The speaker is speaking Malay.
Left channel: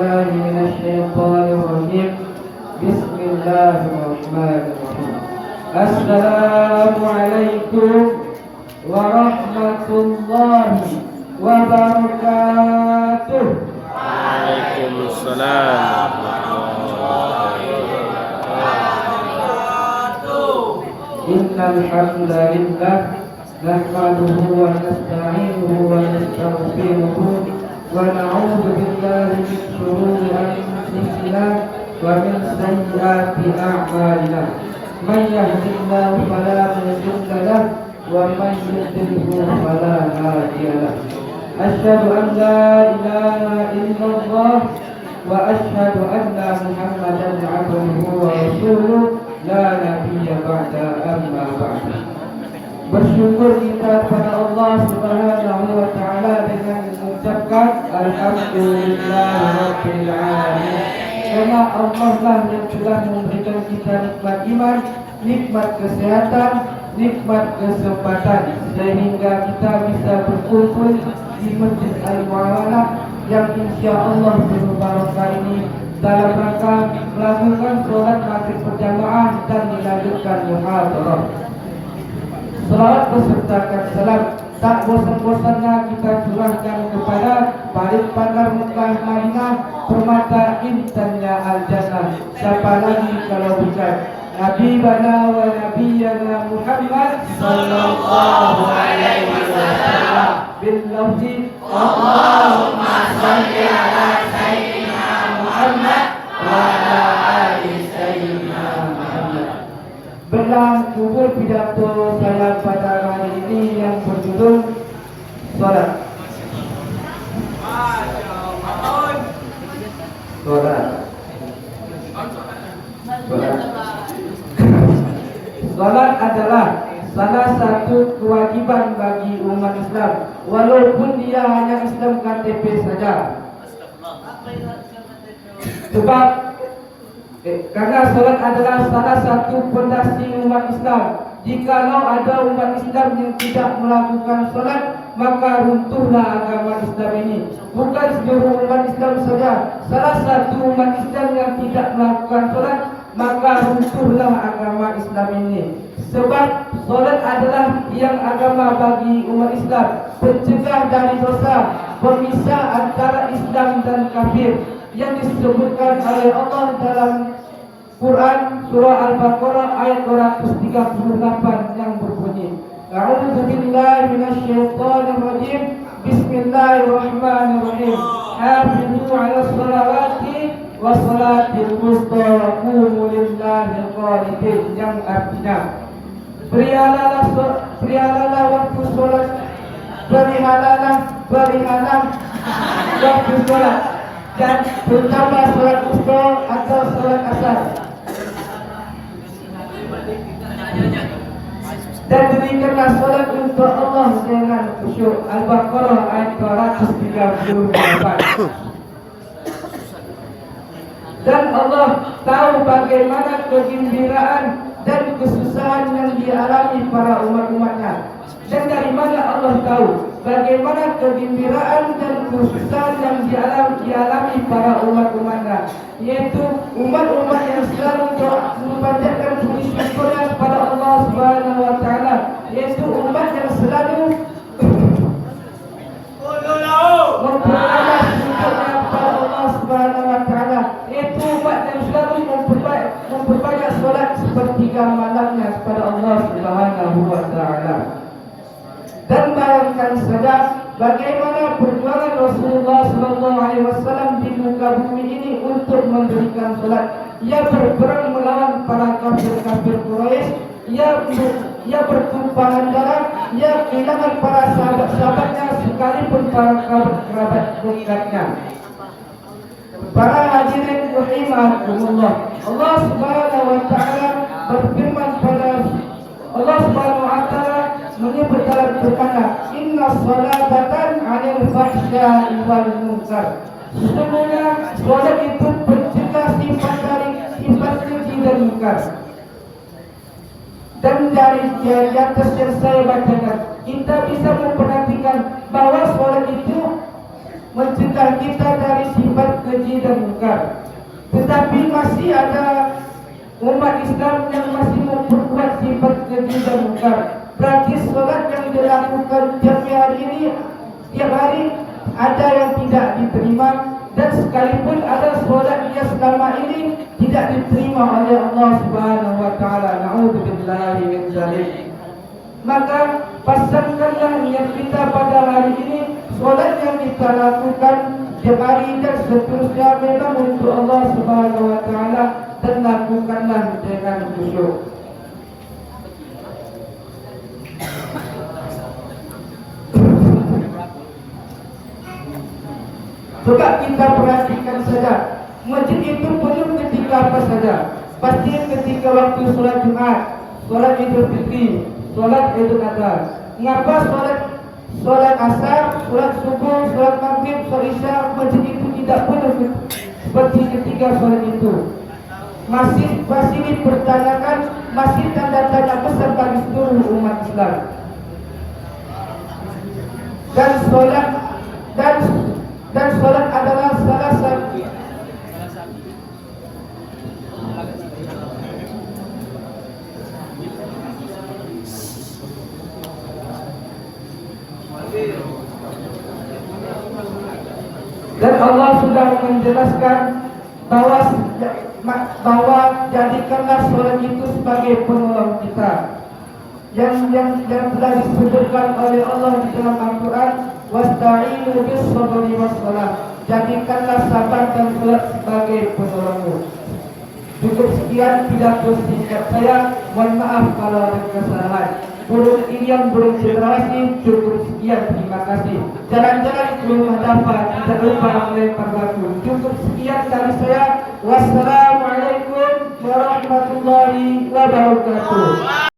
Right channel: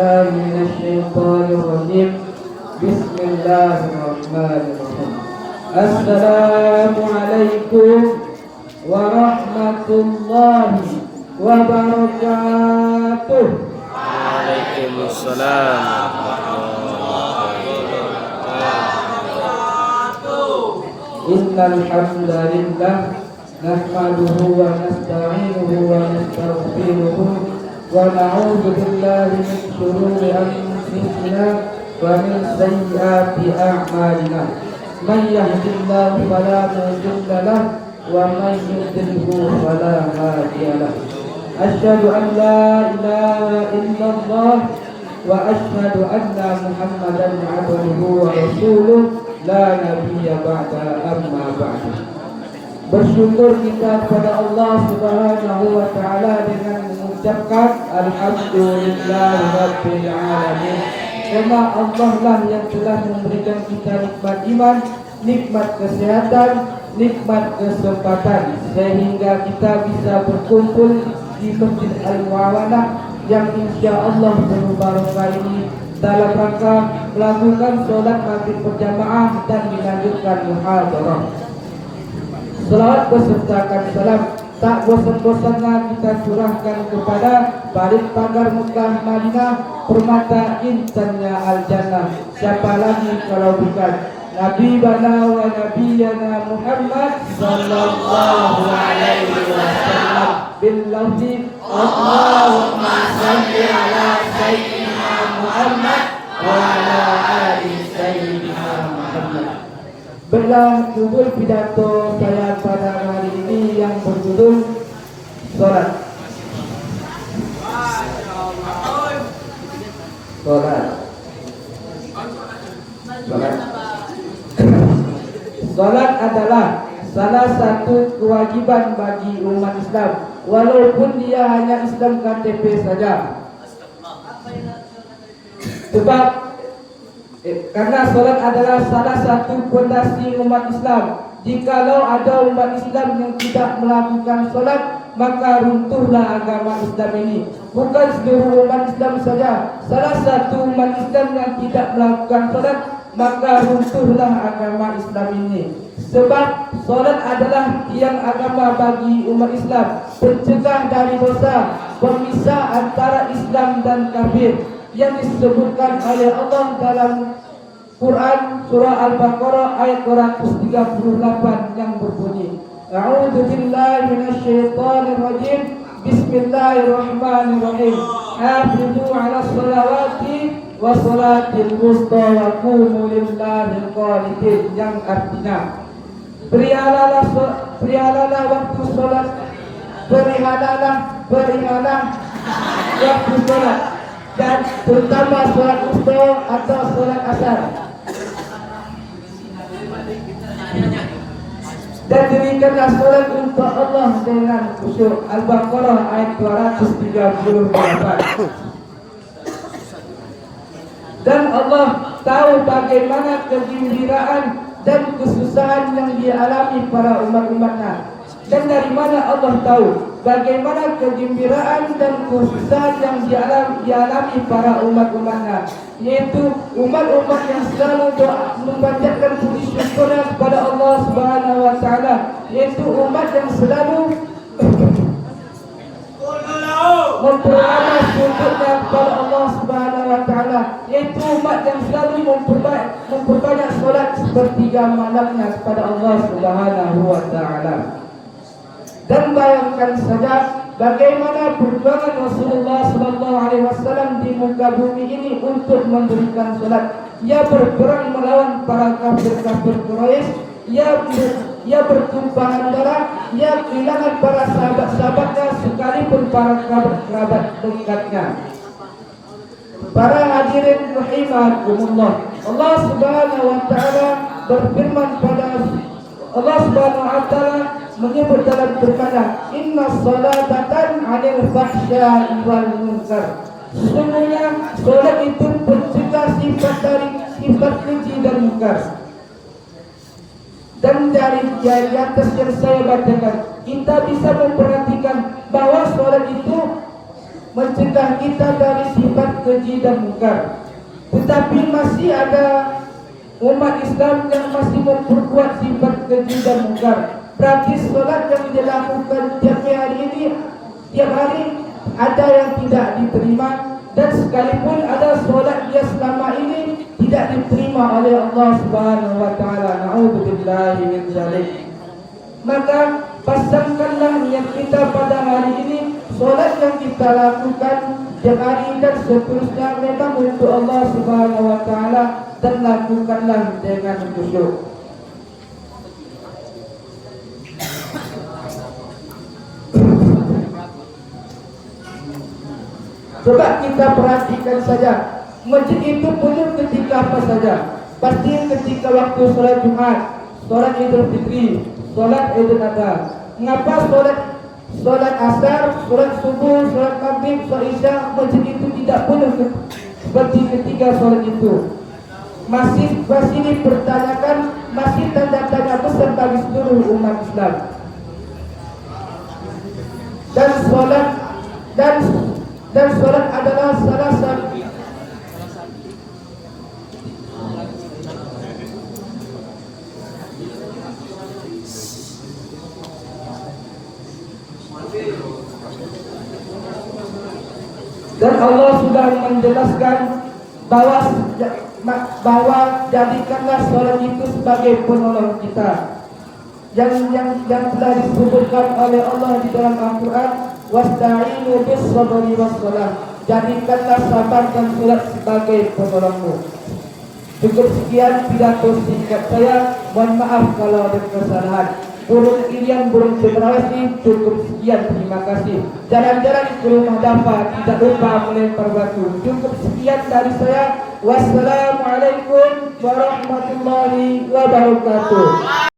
بالله من الشيطان الرجيم. بسم الله الرحمن الرحيم. السلام عليكم ورحمة الله وبركاته. Waalaikumsalam warahmatullahi wabarakatuh. Innal hamdalillah nahmaduhu wa nasta'inuhu wa nastaghfiruhu wa na'udzu billahi min shururi anfusina wa min sayyiati a'malina. Man yahdihillahu fala mudilla lahu wa man yudlilhu fala hadiya lahu. Asyhadu an la ilaha illallah wa asyhadu anna Muhammadan 'abduhu wa rasuluh la nabiyya ba'da amma ba'du. Bersyukur kita kepada Allah Subhanahu wa taala dengan mengucapkan alhamdulillahirabbil alamin. Karena Allah lah yang telah memberikan kita nikmat iman, nikmat kesehatan, nikmat kesempatan sehingga kita bisa berkumpul di Masjid Al-Mu'awalah yang insya-Allah penuh barakah ini dalam rangka melakukan sholat maghrib berjamaah dan dilanjutkan muhadarah. Salat besertakan salam tak bosan-bosannya kita curahkan kepada Barit Bandar Mekah Madinah, permata intannya Al-Jannah. Siapa lagi kalau bukan Nabi bana wa nabiyana Muhammad sallallahu alaihi wasallam bil lafzi Allahumma shalli ala sayyidina Muhammad wa ala ali sayyidina Muhammad. Berlangsung pidato saya pada hari ini yang berjudul Salat. Salat adalah salah satu kewajiban bagi umat Islam, walaupun dia hanya Islam KTP saja. Sebab karena salat adalah salah satu fondasi umat Islam. Jikalau ada umat Islam yang tidak melakukan salat, maka runtuhlah agama Islam ini. Bukan seluruh umat Islam saja, salah satu umat Islam yang tidak melakukan salat, maka runtuhlah agama Islam ini. Sebab salat adalah tiang agama bagi umat Islam, pencegah dari dosa, pemisah antara Islam dan kafir, yang disebutkan oleh Allah dalam Quran surah Al-Baqarah ayat 238 yang berbunyi, A'udzu billahi minasyaitonir rajim. Bismillahirrahmanirrahim. Hafizu 'alas shalawati wa salatil wusta wa qumu lillahi qanitin, yang artinya berialalah waktu salat, berihalah waktu salat, dan terutama salat wusta atau salat asar, dan dirikanlah salat untuk Allah dengan khusyuk. Al-Baqarah ayat 238. Dan Allah tahu bagaimana kegembiraan dan kesusahan yang dialami para umat-umatnya. Dan dari mana Allah tahu bagaimana kegembiraan dan kesusahan yang dialami para umat-umatnya, yaitu umat-umat yang selalu memanjatkan puji syukurnya kepada Allah Subhanahu wa taala, yaitu umat yang selalu memperbanyak syukurnya kepada Allah Subhanahu wa taala, yaitu umat yang selalu memperbanyak salat sepertiga malamnya kepada Allah Subhanahu wa taala. Dan bayangkan saja bagaimana perjuangan Rasulullah SAW di muka bumi ini untuk memberikan salat. Ia berperang melawan para kafir-kafir Quraisy. Ia bertumpahan darah. Ia kehilangan para sahabat-sahabatnya sekalipun para kerabat dekatnya. Para hadirin rahimakumullah, Allah Subhanahu wa taala berfirman pada Allah Subhanahu wa taala menyebut dalam Al-Qur'an, inna salata tan 'anil fahsya'i wal munkar. Sesungguhnya salat itu pencegah sifat keji dan munkar. Dan dari atas yang saya bacakan, kita bisa memperhatikan bahwa salat itu mencegah kita dari sifat keji dan mungkar. Tetapi masih ada umat Islam yang masih memperkuat sifat keji dan mungkar. Berarti solat yang dilakukan tiap hari ini, tiap hari ada yang tidak diterima, dan sekalipun ada solat yang selama ini tidak diterima oleh Allah Subhanahu wa taala. Na'udzubillahi min dzalik. Maka pasangkanlah niat kita pada hari ini, solat yang kita lakukan tiap hari dan seterusnya memang untuk Allah Subhanahu wa taala, dan lakukanlah dengan khusyuk. Coba kita perhatikan saja, masjid itu penuh ketika apa saja. Pasti ketika waktu sholat Jumat, sholat Idul Fitri, sholat Idul Adha. Mengapa sholat asar, sholat subuh, sholat maghrib, sholat isya, masjid itu tidak penuh seperti ketika sholat itu? Masih dipertanyakan, masih tanda tanya besar bagi seluruh umat Islam. Dan sholat adalah salah satu dan Allah sudah menjelaskan bahwa jadikanlah sholat itu sebagai penolong kita, yang telah disebutkan oleh Allah di dalam Al-Quran, wasta'inu bis sabri was salah. Jadikanlah sabar dan sholat sebagai penolongmu. Cukup sekian pidato singkat saya. Mohon maaf kalau ada kesalahan. Burung Irian, burung generasi, cukup sekian, terima kasih. Jalan-jalan ke rumah Dafa, tidak lupa melempar batu. Cukup sekian dari saya. Wassalamualaikum warahmatullahi wabarakatuh.